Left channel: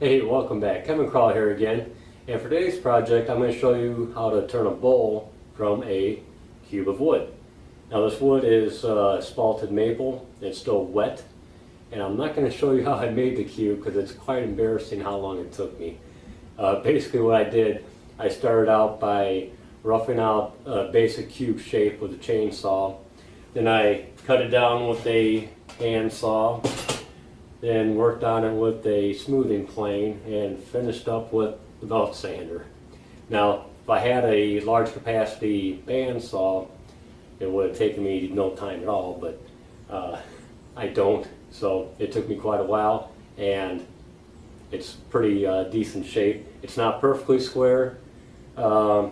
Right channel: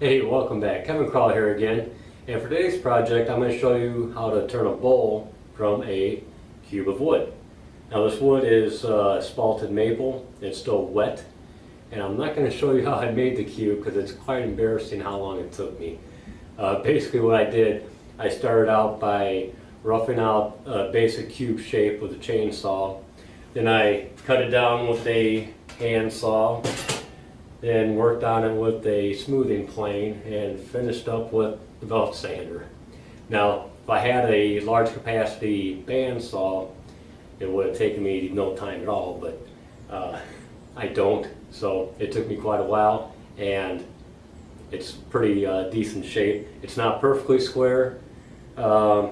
Hey, welcome back. Kevin Krull here again. And for today's project, I'm going to show you how to turn a bowl from a cube of wood. Now this wood is spalted maple. It's still wet. And I'm not going to show you how I made the cube because it's quite embarrassing how long it took me. Basically what I did, I started out by roughing out a basic cube shape with a chainsaw. Then I cut it down with a hand saw. Then worked on it with a smoothing plane and finished up with the belt sander. Now, if I had a large capacity bandsaw, it would have taken me no time at all, but I don't, so it took me quite a while, and it's pretty decent shape. It's not perfectly square. I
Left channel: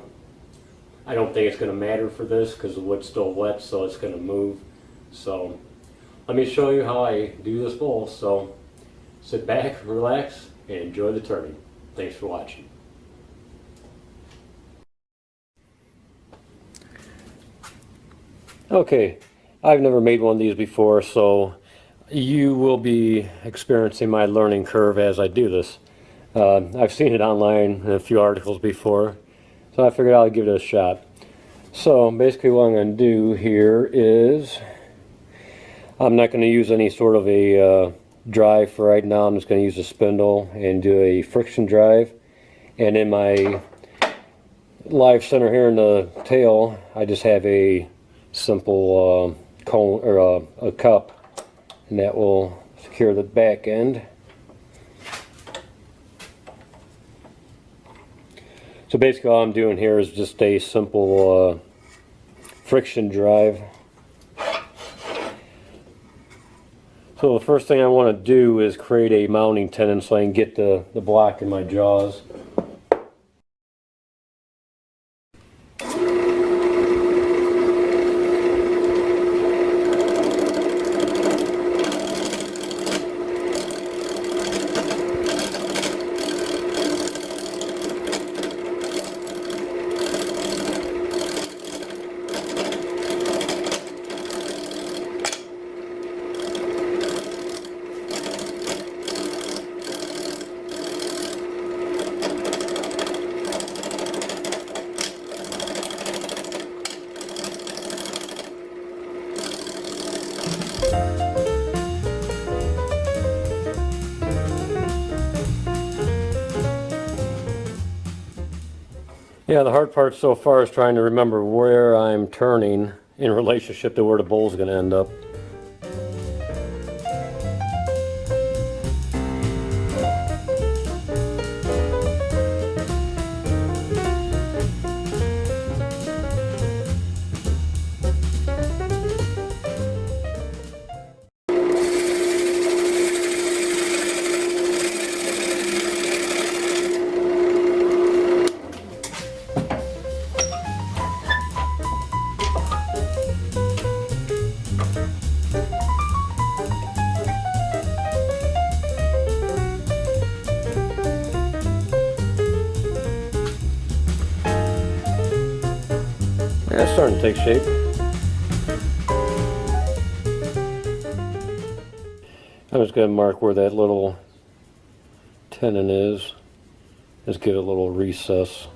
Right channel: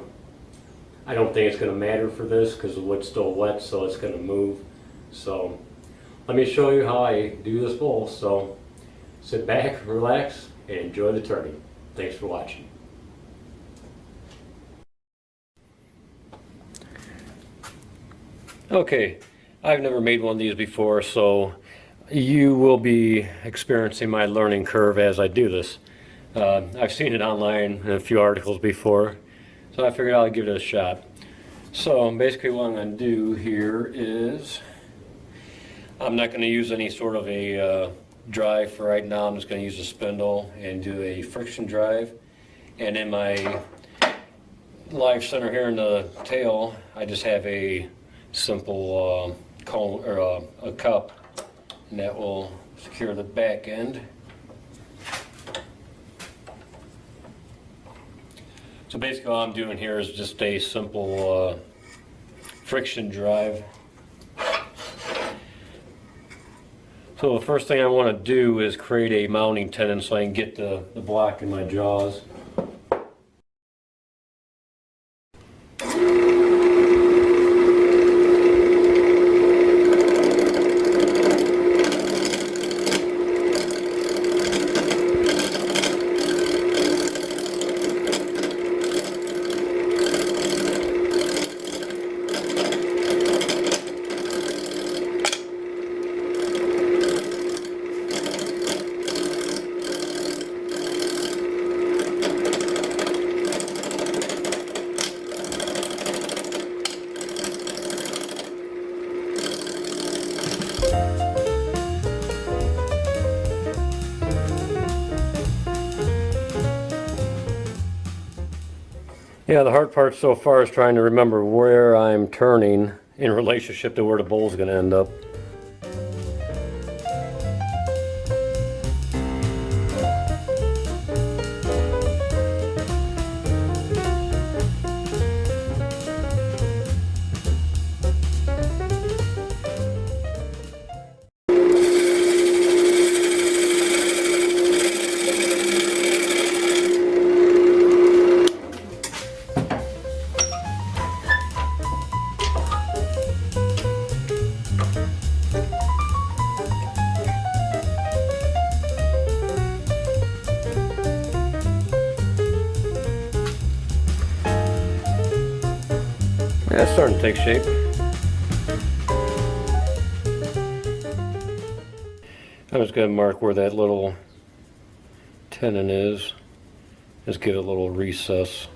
don't think it's going to matter for this because the wood's still wet, so it's going to move. So let me show you how I do this bowl. So sit back, relax, and enjoy the turning. Thanks for watching. Okay, I've never made one of these before, so you will be experiencing my learning curve as I do this. I've seen it online in a few articles before, so I figured I'll give it a shot. So basically what I'm going to do here is I'm not going to use any sort of a drive for right now. I'm just going to use a spindle and do a friction drive. And in my live center here in the tail, I just have a simple cone or a cup, and that will secure the back end. So basically all I'm doing here is just a simple friction drive. So the first thing I want to do is create a mounting tenon so I can get the block in my jaws. Yeah, the hard part so far is trying to remember where I'm turning in relationship to where the bowl's going to end up. Yeah, it's starting to take shape. I'm just going to mark where that little tenon is. Just give it a little recess.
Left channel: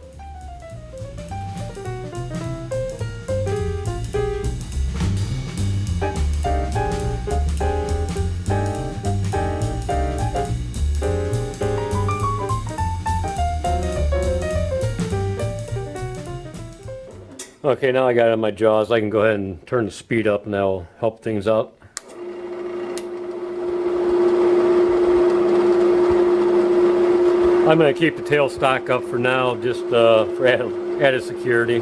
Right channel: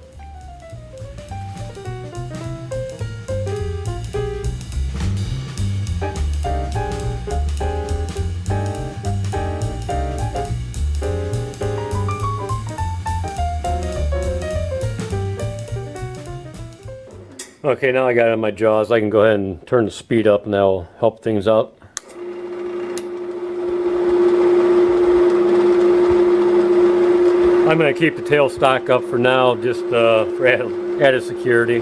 Okay, now I got it on my jaws. I can go ahead and turn the speed up and that'll help things out. I'm going to keep the tail stock up for now, just for added security.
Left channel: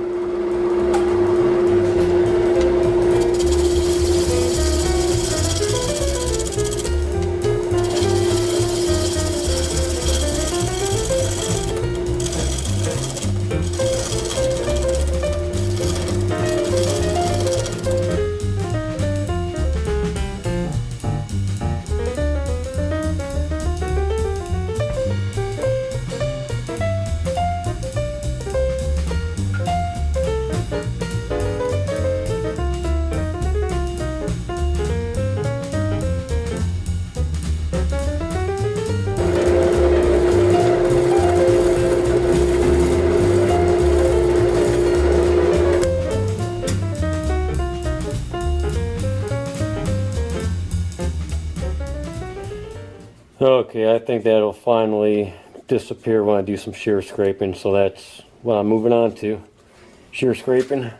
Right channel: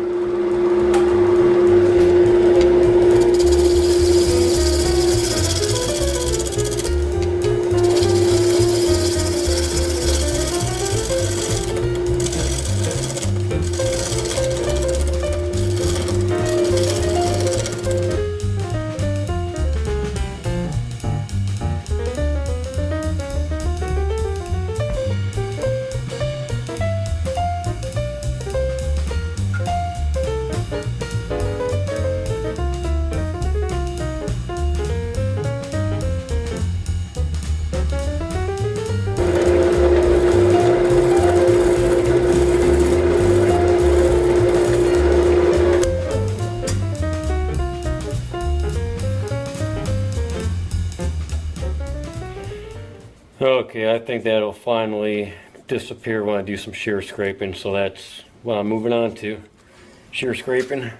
Okay, I think that'll finally disappear when I do some shear scraping, so that's what I'm moving on to. Shear scraping.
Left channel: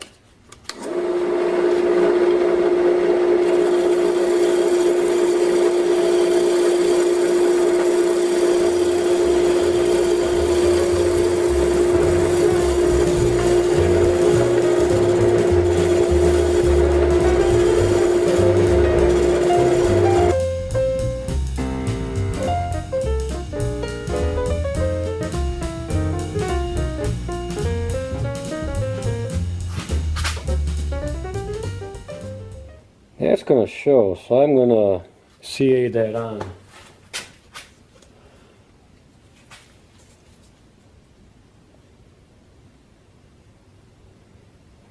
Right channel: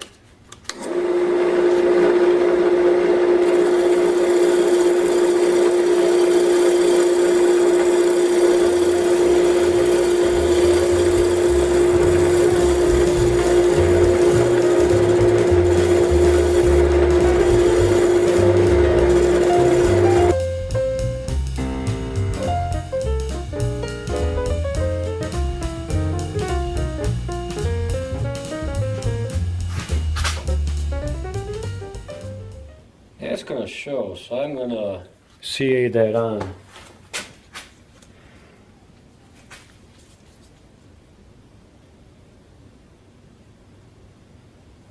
That's going to show, so I'm going to CA that on.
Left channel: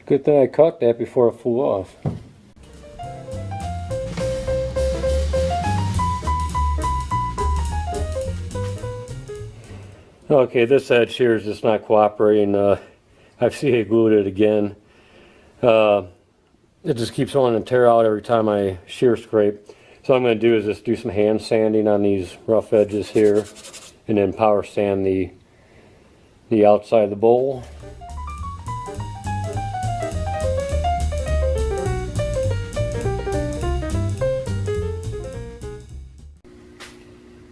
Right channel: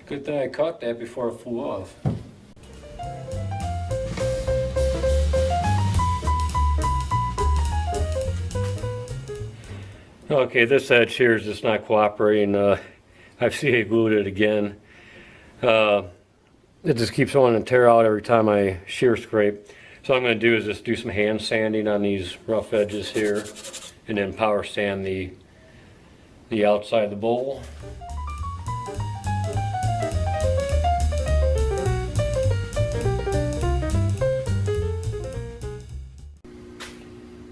Good thing I caught that before it flew off. Okay, this edge here is just not cooperating. I've CA glued it again. It just keeps wanting to tear out every time I shear scrape. So what I'm going to do is just do some hand sanding on these rough edges here, and then power sand the outside of the bowl.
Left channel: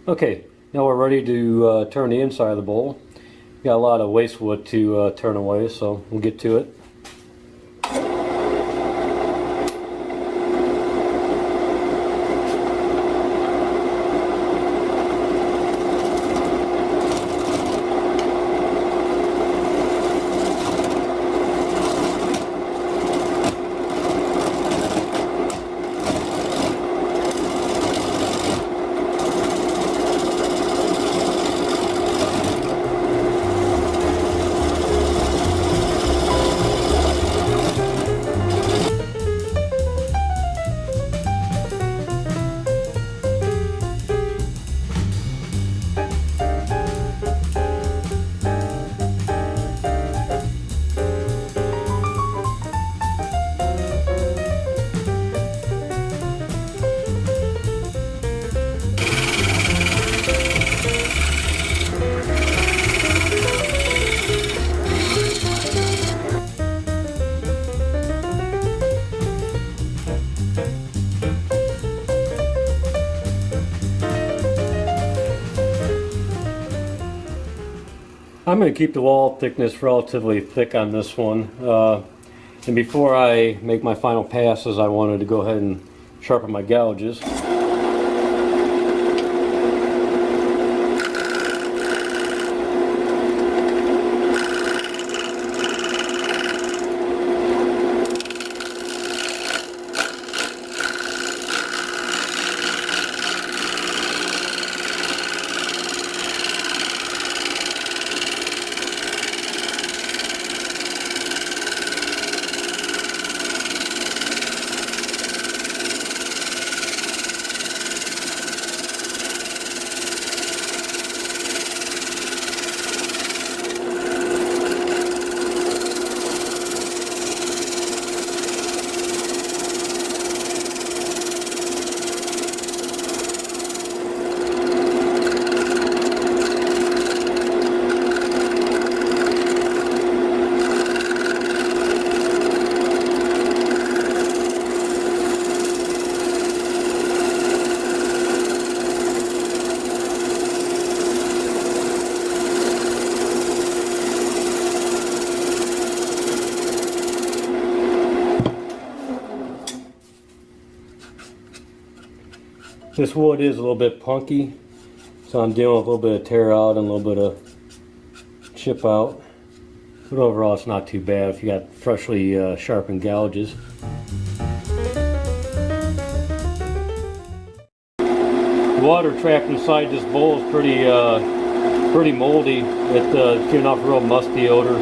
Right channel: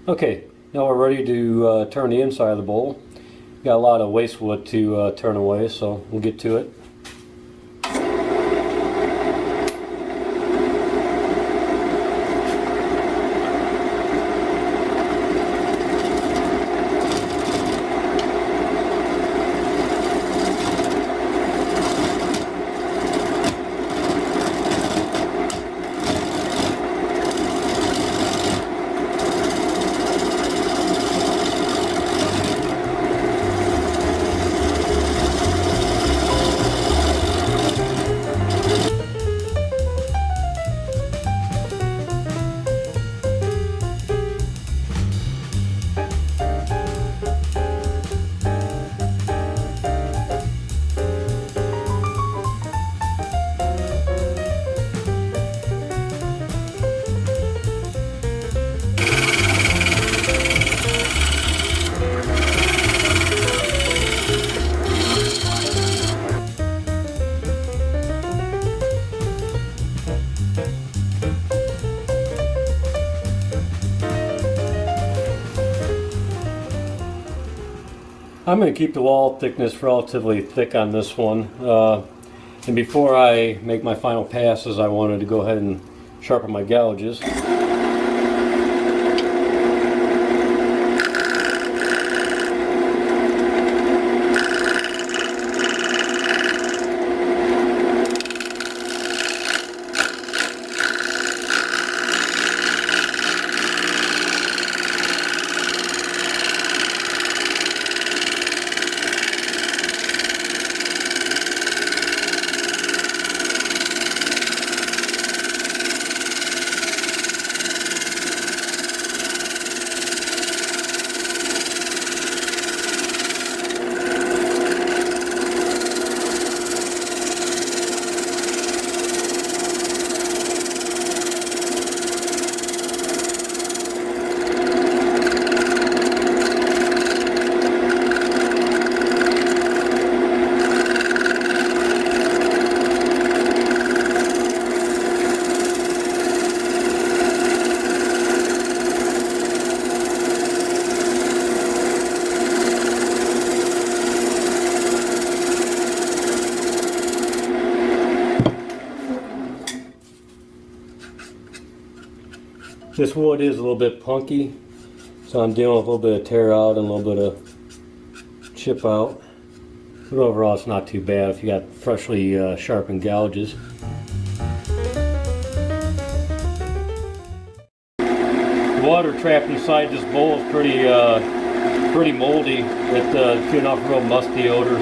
Okay, now we're ready to turn the inside of the bowl. Got a lot of waste wood to turn away, so we'll get to it. I'm going to keep the wall thickness relatively thick on this one. And before I make my final passes, I wanted to go ahead and sharpen my gouges. This wood is a little bit punky, so I'm dealing with a little bit of tear out and a little bit of chip out. But overall it's not too bad if you got freshly sharpened gouges. The water trapped inside this bowl is pretty moldy. It's giving off a real musty odor.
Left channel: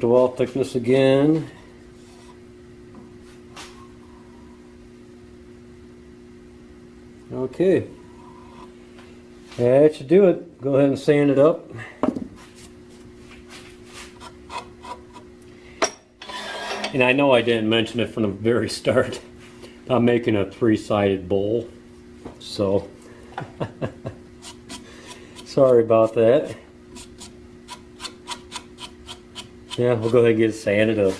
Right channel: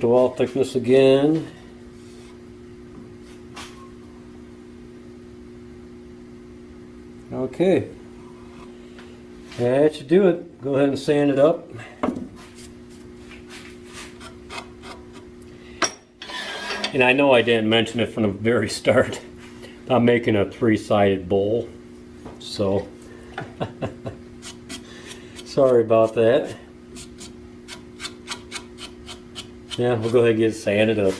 check the wall thickness again. Okay, that should do it. Go ahead and sand it up. And I know I didn't mention it from the very start. I'm making a 3-sided bowl, so sorry about that. Yeah, we'll go ahead and get it sanded up.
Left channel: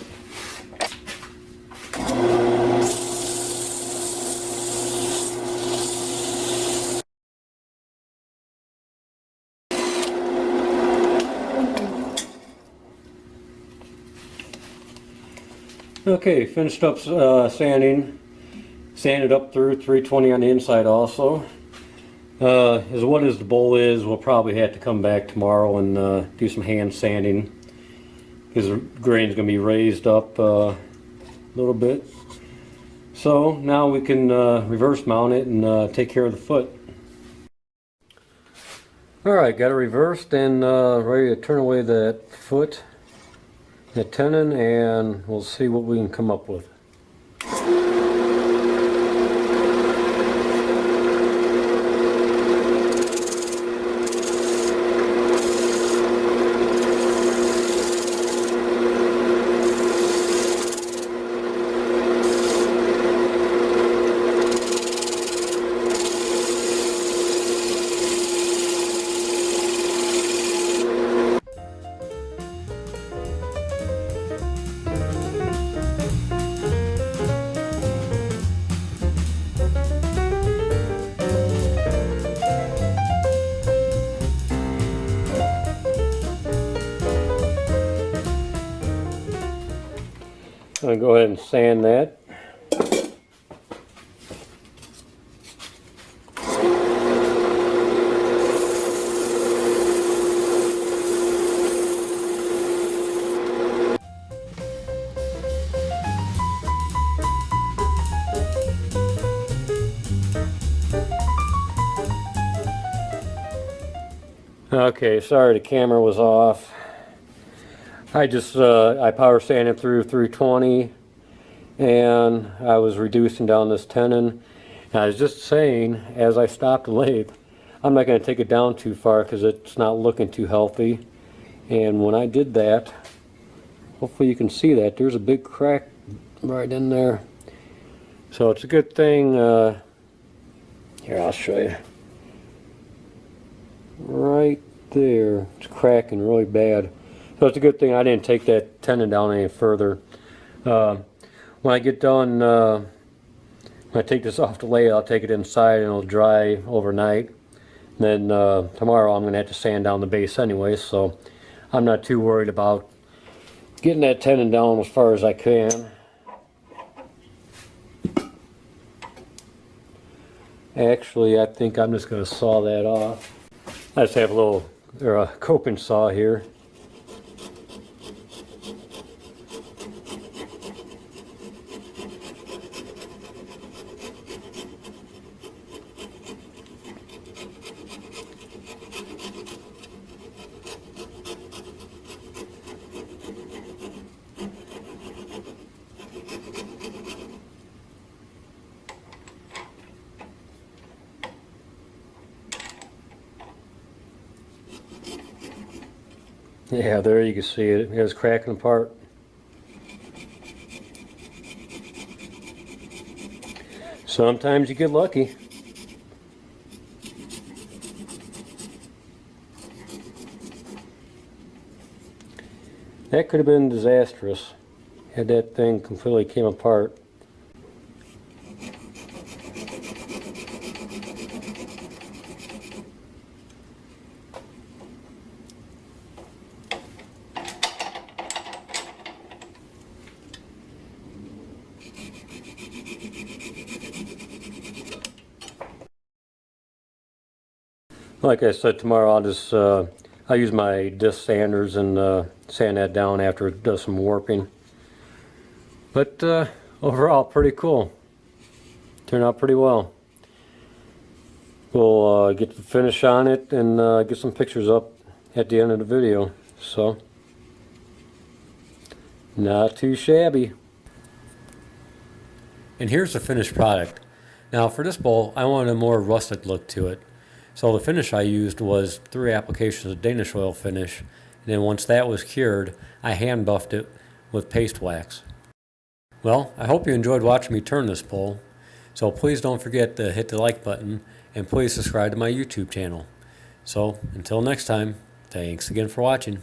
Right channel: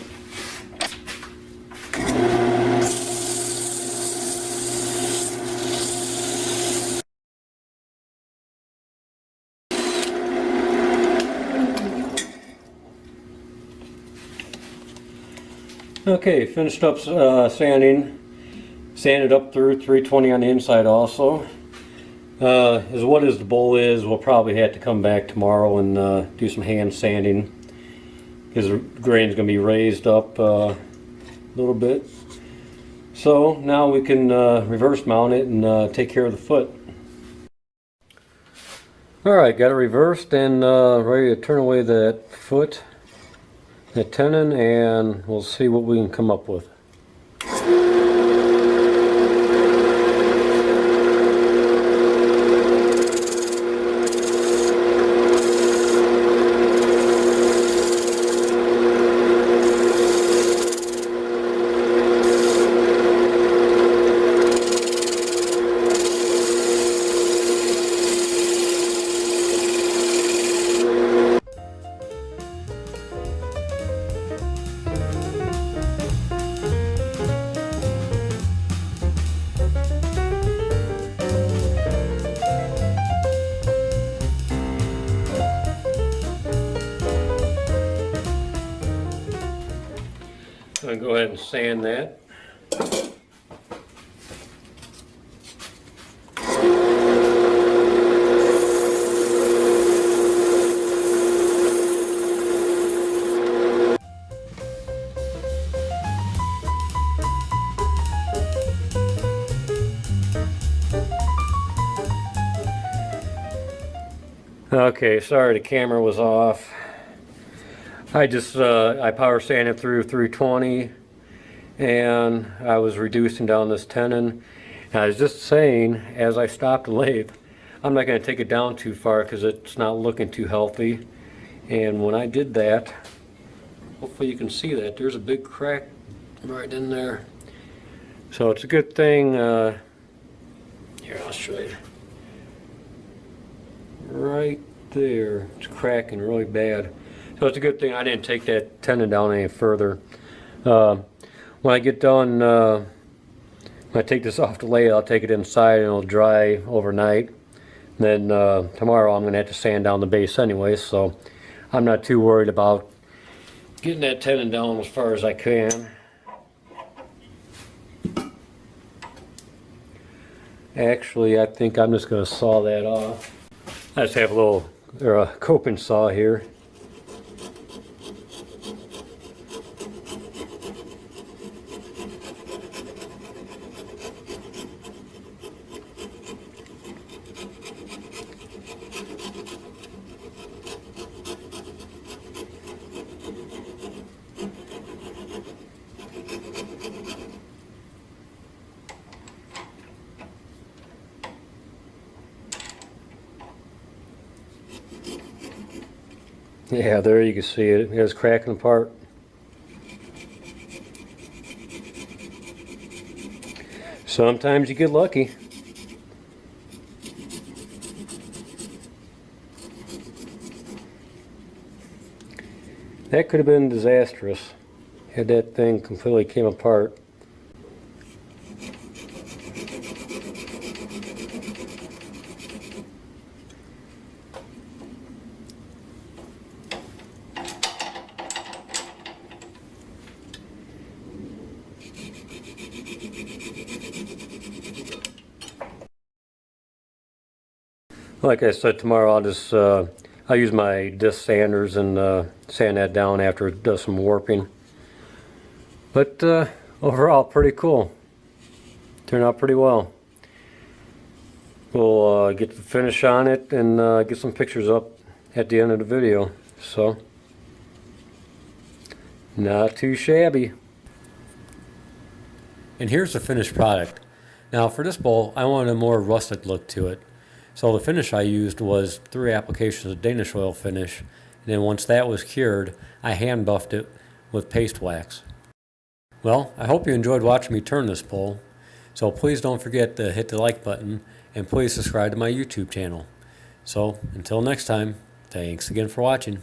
Okay, finished up sanding. Sanded up through 320 on the inside also. As what as the bowl is, we'll probably have to come back tomorrow and do some hand sanding, because the grain's going to be raised up a little bit. So now we can reverse mount it and take care of the foot. Alright, got it reversed and ready to turn away that foot, that tenon, and we'll see what we can come up with. I'm going to go ahead and sand that. Okay, sorry the camera was off. I power sanded through 320 and I was reducing down this tenon. And I was just saying, as I stopped the lathe, I'm not going to take it down too far because it's not looking too healthy. And when I did that, hopefully you can see that, there's a big crack right in there. So it's a good thing, here I'll show you. Right there, it's cracking really bad. So it's a good thing I didn't take that tenon down any further. When I get done, when I take this off the lathe, I'll take it inside and it'll dry overnight. And then tomorrow I'm going to have to sand down the base anyway, so I'm not too worried about getting that tenon down as far as I can. Actually, I think I'm just going to saw that off. I just have a little coping saw here. Yeah, there you can see it. It's cracking apart. Sometimes you get lucky. That could have been disastrous had that thing completely came apart. Like I said, tomorrow I'll use my disc sanders and sand that down after it does some warping. But overall, pretty cool. Turned out pretty well. We'll get the finish on it and get some pictures up at the end of the video. So. Not too shabby. And here's the finished product. Now for this bowl, I wanted a more rustic look to it. So the finish I used was 3 applications of Danish oil finish, and then once that was cured, I hand buffed it with paste wax. Well, I hope you enjoyed watching me turn this bowl. So please don't forget to hit the like button, and please subscribe to my YouTube channel. So until next time, thanks again for watching.